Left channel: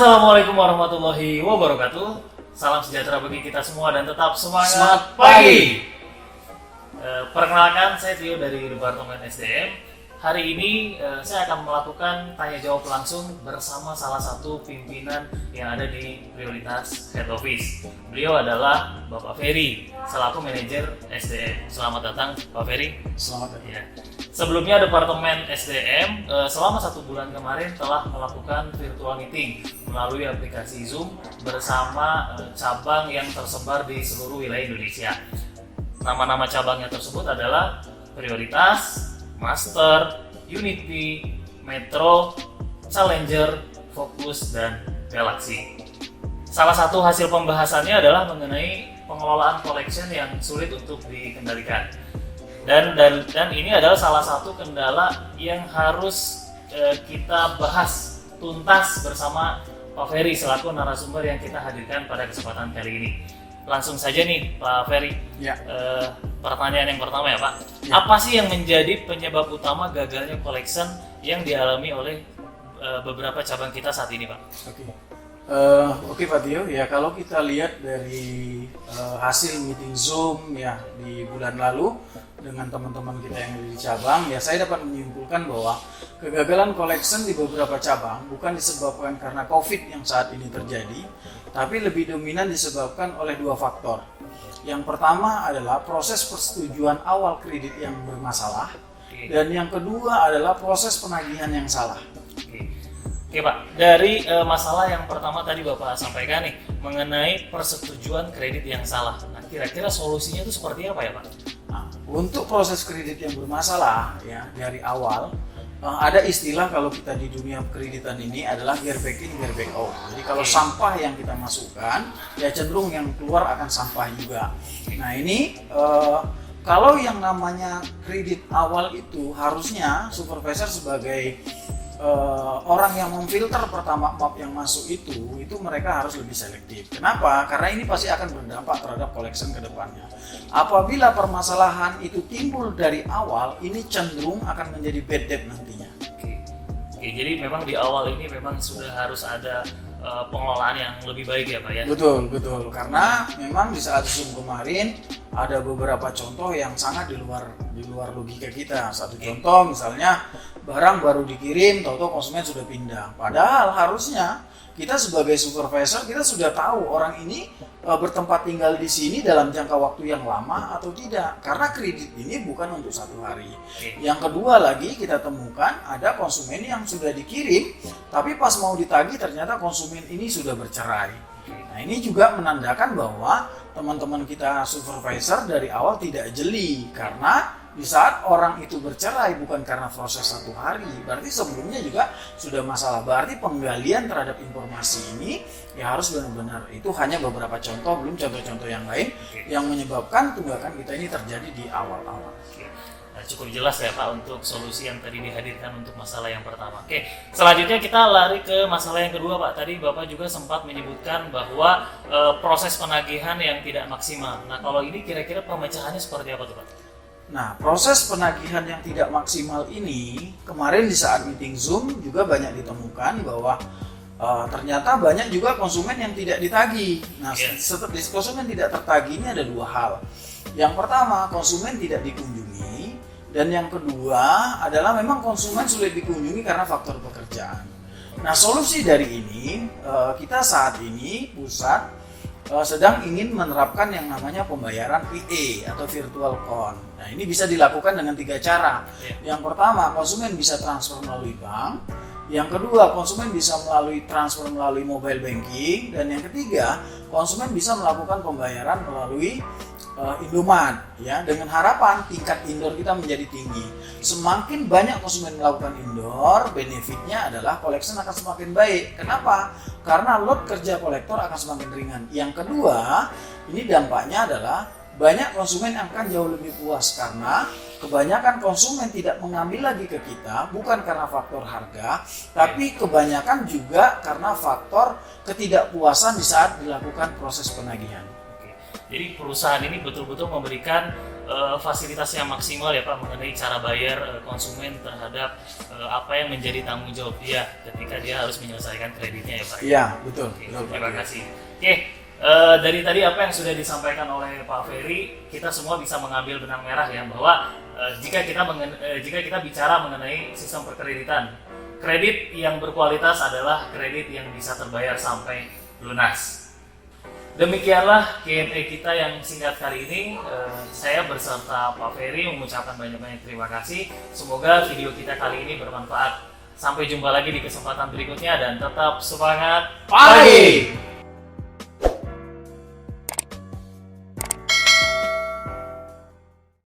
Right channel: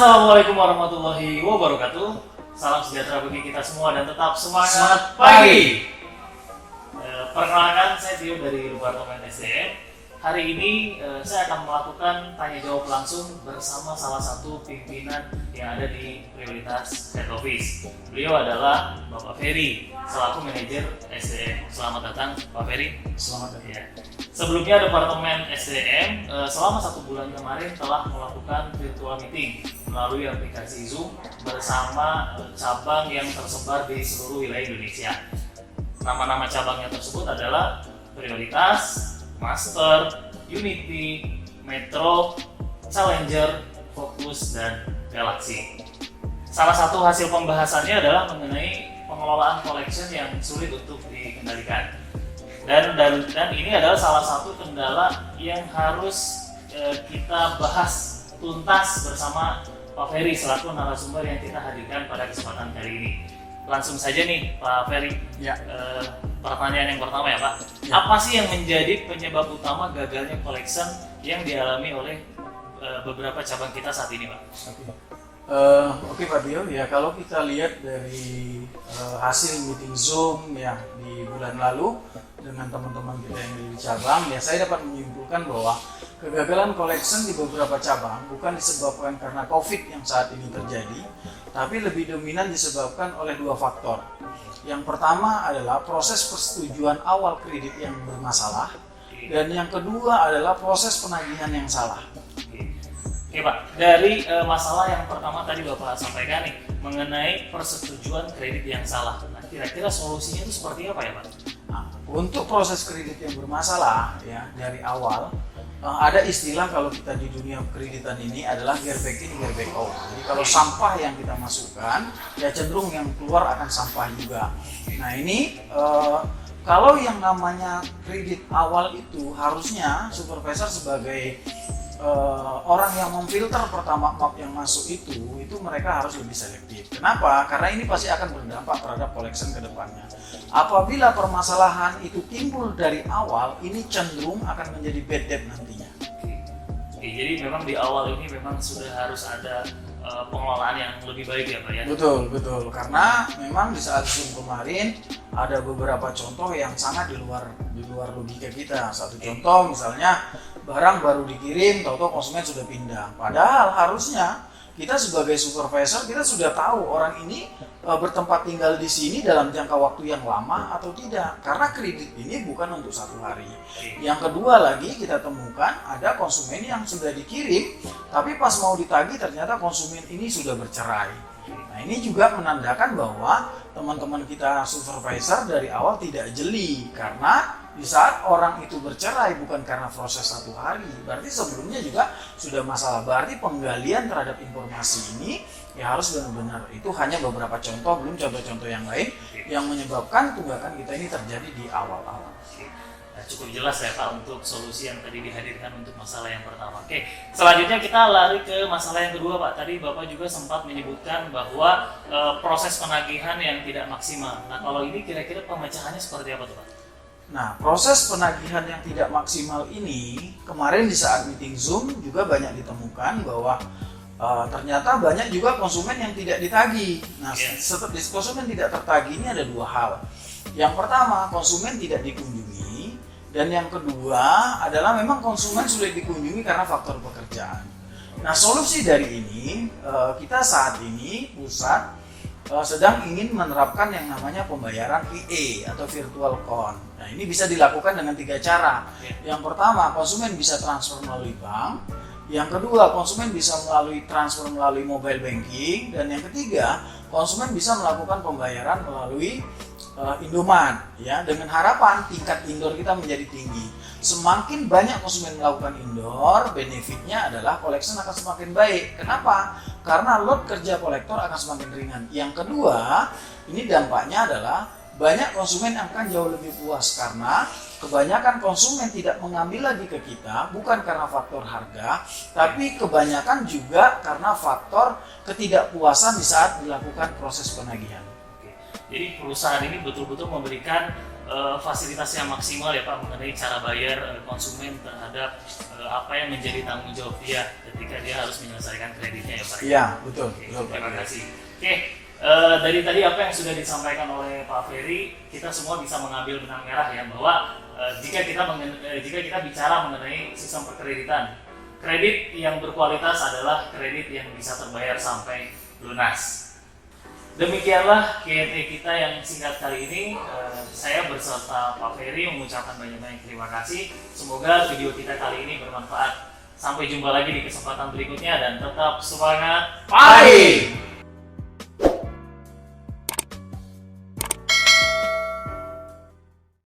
Assalamualaikum warahmatullahi wabarakatuh. Salam sejahtera bagi kita semua dan tetap semangat Semangat pagi. Perkenalkan, saya Tio dari Departemen SDM. Hari ini saya akan melakukan tanya jawab langsung bersama salah satu pimpinan yang ada di Prioritas Head Office. Beliau adalah Bapak Ferry, selaku manajer SDM. Selamat datang Pak Ferry. Selamat datang. Ya. Sebelumnya Departemen SDM selama 1 bulan kemarin telah melakukan virtual meeting melalui aplikasi Zoom bersama cabang yang tersebar di seluruh wilayah Indonesia. Nama-nama cabangnya tersebut adalah Prioritas, Master, Unity, Metro, Challenger, Focus, dan Galaxy. Salah satu hasil pembahasannya adalah mengenai pengelolaan collection yang sulit untuk dikendalikan. Dan ini adalah salah satu kendala yang harus kita bahas tuntas bersama Pak Ferry selaku narasumber yang kita hadirkan pada kesempatan kali ini. Langsung saja nih Pak Ferry. Ya. Pertanyaan yang pertama ya Pak. Ya. Apa sih yang menjadi penyebab utama gagalnya collection yang dialami oleh beberapa cabang kita saat ini Pak? Oke Pak Tio, ya kalau kita lihat dari hasil meeting Zoom ya di bulan lalu dengan teman-teman kita yang di cabang, ya saya dapat menyimpulkan bahwa kegagalan collection di beberapa cabang bukan disebabkan karena COVID yang saat ini terjadi, tapi lebih dominan disebabkan oleh 2 faktor. Yang pertama adalah proses persetujuan awal kredit yang bermasalah, dan yang kedua adalah proses penagihan yang salah. Oke Pak, dari masalah yang pertama tadi Bapak sampaikan nih mengenai persetujuan kredit yang salah. Nah, kira-kira solusinya itu seperti apa ya Pak? Nah, untuk proses kredit yang bermasalah ya dari awal ada istilah kalau kita di dunia kreditan ini adalah gear back in, gear back out. Jadi kalau sampah yang kita masukkan ya cenderung yang keluar akan sampah juga. Nah ini kalau yang namanya kredit awal itu harusnya supervisor sebagai orang yang memfilter pertama map yang masuk itu mereka harus lebih selektif. Kenapa? Karena ini pasti akan berdampak terhadap collection ke depannya. Apabila permasalahan itu timbul dari awal, ini cenderung akan menjadi bad debt nantinya. Oke, jadi memang di awal ini memang sudah harus ada pengelolaan yang lebih baik ya Pak ya? Betul. Karena memang di saat Zoom kemarin ada beberapa contoh yang sangat di luar logika kita. Satu contoh misalnya barang baru dikirim, tahu-tahu konsumen sudah pindah. Padahal harusnya kita sebagai supervisor kita sudah tahu orang ini bertempat tinggal di sini dalam jangka waktu yang lama atau tidak. Karena kredit ini bukan untuk 1 hari. Yang kedua lagi kita temukan ada konsumen yang sudah dikirim, tapi pas mau ditagih ternyata konsumen ini sudah bercerai. Nah ini juga menandakan bahwa teman-teman kita supervisor dari awal tidak jeli, karena di saat orang itu bercerai bukan karena proses 1 hari, berarti sebelumnya juga sudah masalah. Berarti penggalian terhadap informasi ini ya harus benar-benar, itu hanya beberapa contoh, belum contoh-contoh yang lain yang menyebabkan tunggakan kita ini terjadi di awal-awal. Nah, cukup jelas ya Pak untuk solusi yang tadi dihadirkan untuk masalah yang pertama. Oke, selanjutnya kita lari ke masalah yang kedua Pak. Tadi Bapak juga sempat menyebutkan bahwa proses penagihan yang tidak maksimal. Nah kalau ini kira-kira pemecahannya seperti apa tuh Pak? Nah, proses penagihan yang tidak maksimal ini kemarin di saat meeting Zoom juga banyak ditemukan bahwa ternyata banyak juga konsumen yang tidak ditagih. Nah, setelah konsumen tidak tertagih ini ada 2 hal. Yang pertama, konsumen tidak dikunjungi, dan yang kedua adalah memang konsumen sulit dikunjungi karena faktor pekerjaan. Nah, solusi dari ini kita saat ini pusat sedang ingin menerapkan yang namanya pembayaran VA atau virtual account. Nah ini bisa dilakukan dengan 3 cara. Yang pertama, konsumen bisa transfer melalui bank. Yang kedua, konsumen bisa transfer melalui mobile banking. Dan yang ketiga, konsumen bisa melakukan pembayaran melalui Indomaret, ya, dengan harapan tingkat indoor kita menjadi tinggi. Semakin banyak konsumen melakukan indoor, benefitnya adalah collection akan semakin baik. Kenapa? Karena load kerja kolektor akan semakin ringan. Yang kedua, ini dampaknya adalah banyak konsumen akan jauh lebih puas karena kebanyakan konsumen tidak mengambil lagi ke kita bukan karena faktor harga, tapi kebanyakan juga karena faktor ketidakpuasan di saat dilakukan proses penagihan. Jadi perusahaan ini betul-betul memberikan fasilitas yang maksimal ya Pak mengenai cara bayar konsumen terhadap apa yang menjadi tanggung jawab dia ketika dia harus menyelesaikan kreditnya ya Pak. Iya, betul. Oke, Betul, Pak. terima kasih. Oke, dari tadi apa yang sudah disampaikan oleh Pak Ferry, kita semua bisa mengambil benang merah ya bahwa jika kita bicara mengenai sistem perkreditan, kredit yang berkualitas adalah kredit yang bisa terbayar sampai lunas. Demikianlah Q&A kita yang singkat kali ini. Saya berserta Pak Ferry mengucapkan banyak-banyak terima kasih. Semoga video kita kali ini bermanfaat. Sampai jumpa lagi di kesempatan berikutnya dan tetap semangat. Pagi!